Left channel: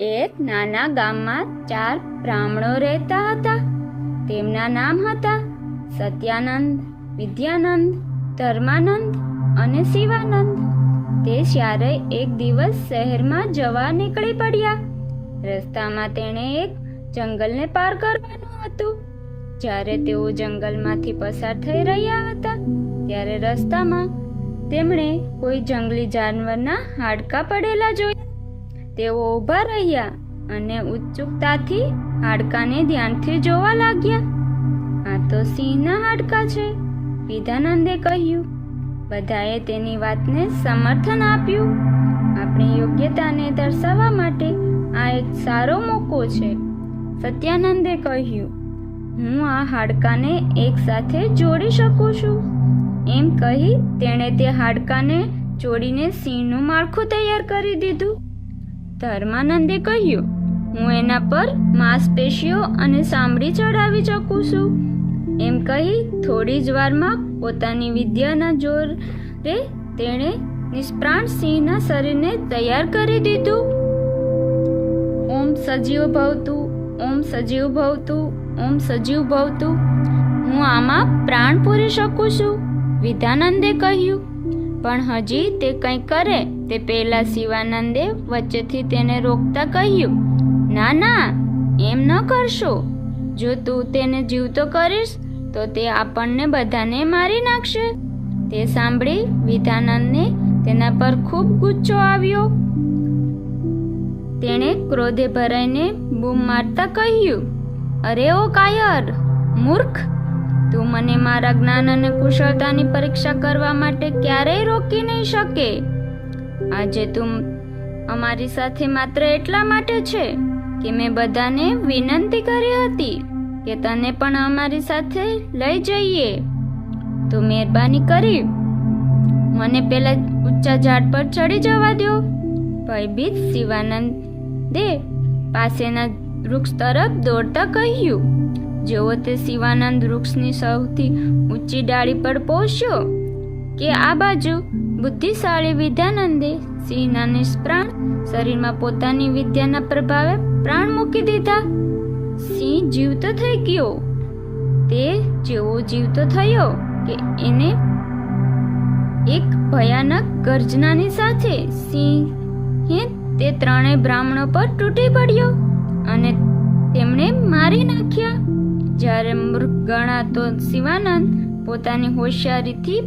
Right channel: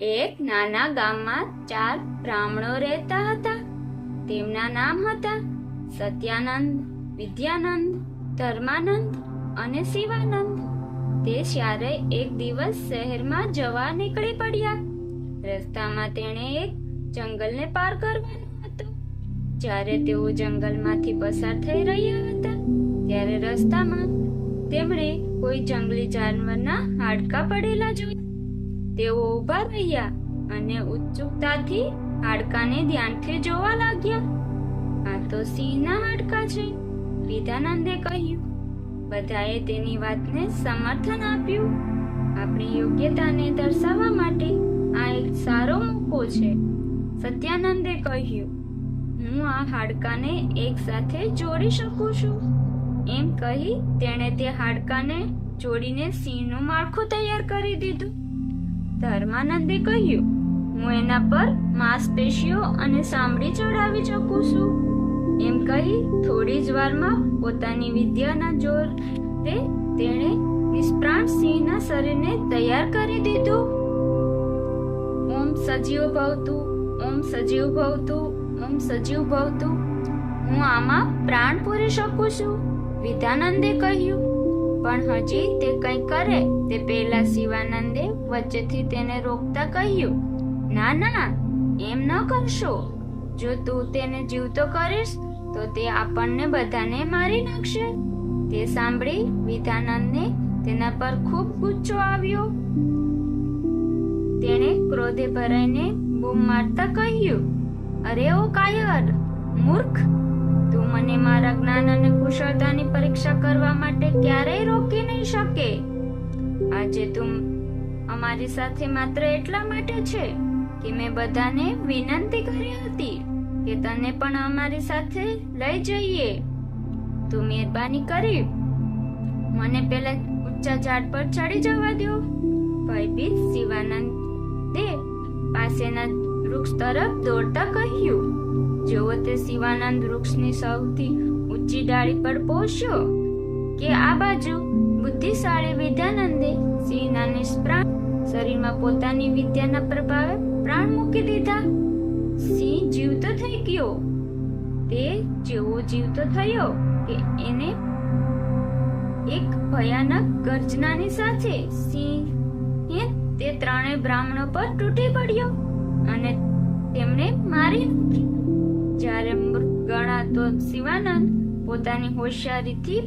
એક નાના ગામમાં 4 બ્રાહ્મણો રહેતા હતા. તેમના નામ હતા સત્યાનંદ, વિદ્યાનંદ, ધર્માનંદ અને શિવાનંદ. તે ચારેય એક દિવસ શહેરમાં જવા નીકળી પડ્યા. રસ્તામાં તેણે એક જંગલને પાર કરવાનું હતું. જ્યારે તેઓ જંગલમાંથી પસાર થઈ રહ્યા હતા ત્યારે રસ્તામાં તેમણે કોઈ જંગલી જાનવરના હાડકાં પડેલા જોયા. તેઓ ઊભા રહ્યા અને ઉત્સુકતાથી હાડકાને ધ્યાનથી જોવા લાગ્યા. આ તો સિંહના હાડકાં છે, વિદ્યાનંદે કહ્યું. બધાએ તેની વાતને સમર્થન આપ્યું. આપણી યોગ્યતાને દર્શાવવા માટે આ એક સારો મોકો છે, સત્યાનંદે કહ્યું. હું આ હાડકાને એક સાથે જોડી શકું છું. એમ કહી તેણે તે હાડકાને જોડીને સિંહનું માળખું તૈયાર કરી દીધું. ધર્માનંદે કહ્યું, હું એના પર માંસપેશીઓ અને ચામડી ચડાવી શકું છું. એમ કહી થોડી જ વારમાં પોતાની વિદ્યાના જોરે તેણે નિષ્પ્રાણ સિંહના શરીરને તૈયાર કરી દીધું. ઓમ સજીવ ભવતું, ઓમ સજીવ ભવતું, ઓમ સજીવ ભવતું. હું આમાં પ્રાણ પૂરી શકું છું, વિદ્યાનંદે કહ્યું. પણ હજી તે કંઈ કરે તે પહેલા શિવાનંદે વચ્ચેથી તેને રોકતા કહ્યું, ના ના, એમ ન કરશો. જો તું તેને જીવતો કરીશ તો તે આપણને બધાને મારી નાખશે. તે સાંભળી વિદ્યાનંદને તેના પર ખૂબ ગુસ્સો આવ્યો. તેણે ક્રોધે ભરાઈને બૂમ મારતા કહ્યું, અરે ઓ કાયર, મૂર્ખ! તું મને મારા જ્ઞાન અને કુશળતાની પરીક્ષા કરવા માટે ક્યારેય રોકી નહીં શકે. આજે તું અમારી સાથે માત્ર એટલા માટે છે કે મેં બધાને વિનંતી કરી હતી કે તને પણ અમારી સાથે લઈ જઈએ. તો મહેરબાની કરી મને પેલા ઊંચા ઝાડ પર ચડી જવા દો. ભયભીત શિવાનંદે પાસેના વૃક્ષ તરફ દોડતા કહ્યું. જેવો તે શિવાનંદ વૃક્ષની સૌથી ઊંચી ડાળી પર પહોંચ્યો કે આ બાજુ બુદ્ધિશાળી વિદ્યાનંદે સિંહના નિષ્પ્રાણ શરીરમાં પોતાની વિદ્યાના પ્રભાવે પ્રાણ મૂકી દીધા. સિંહ જીવતો થઈ ગયો. તે જેવો જીવતો થયો કે એને એક ભયાનક ગર્જનાની સાથે સિંહે તે ત્રણેય બ્રાહ્મણો પર તૂટી પડ્યો અને તેમણે મારી નાખ્યા. જ્યારે મૃગ ગણાતો શિવાનંદ પોતાની હોશિયારીથી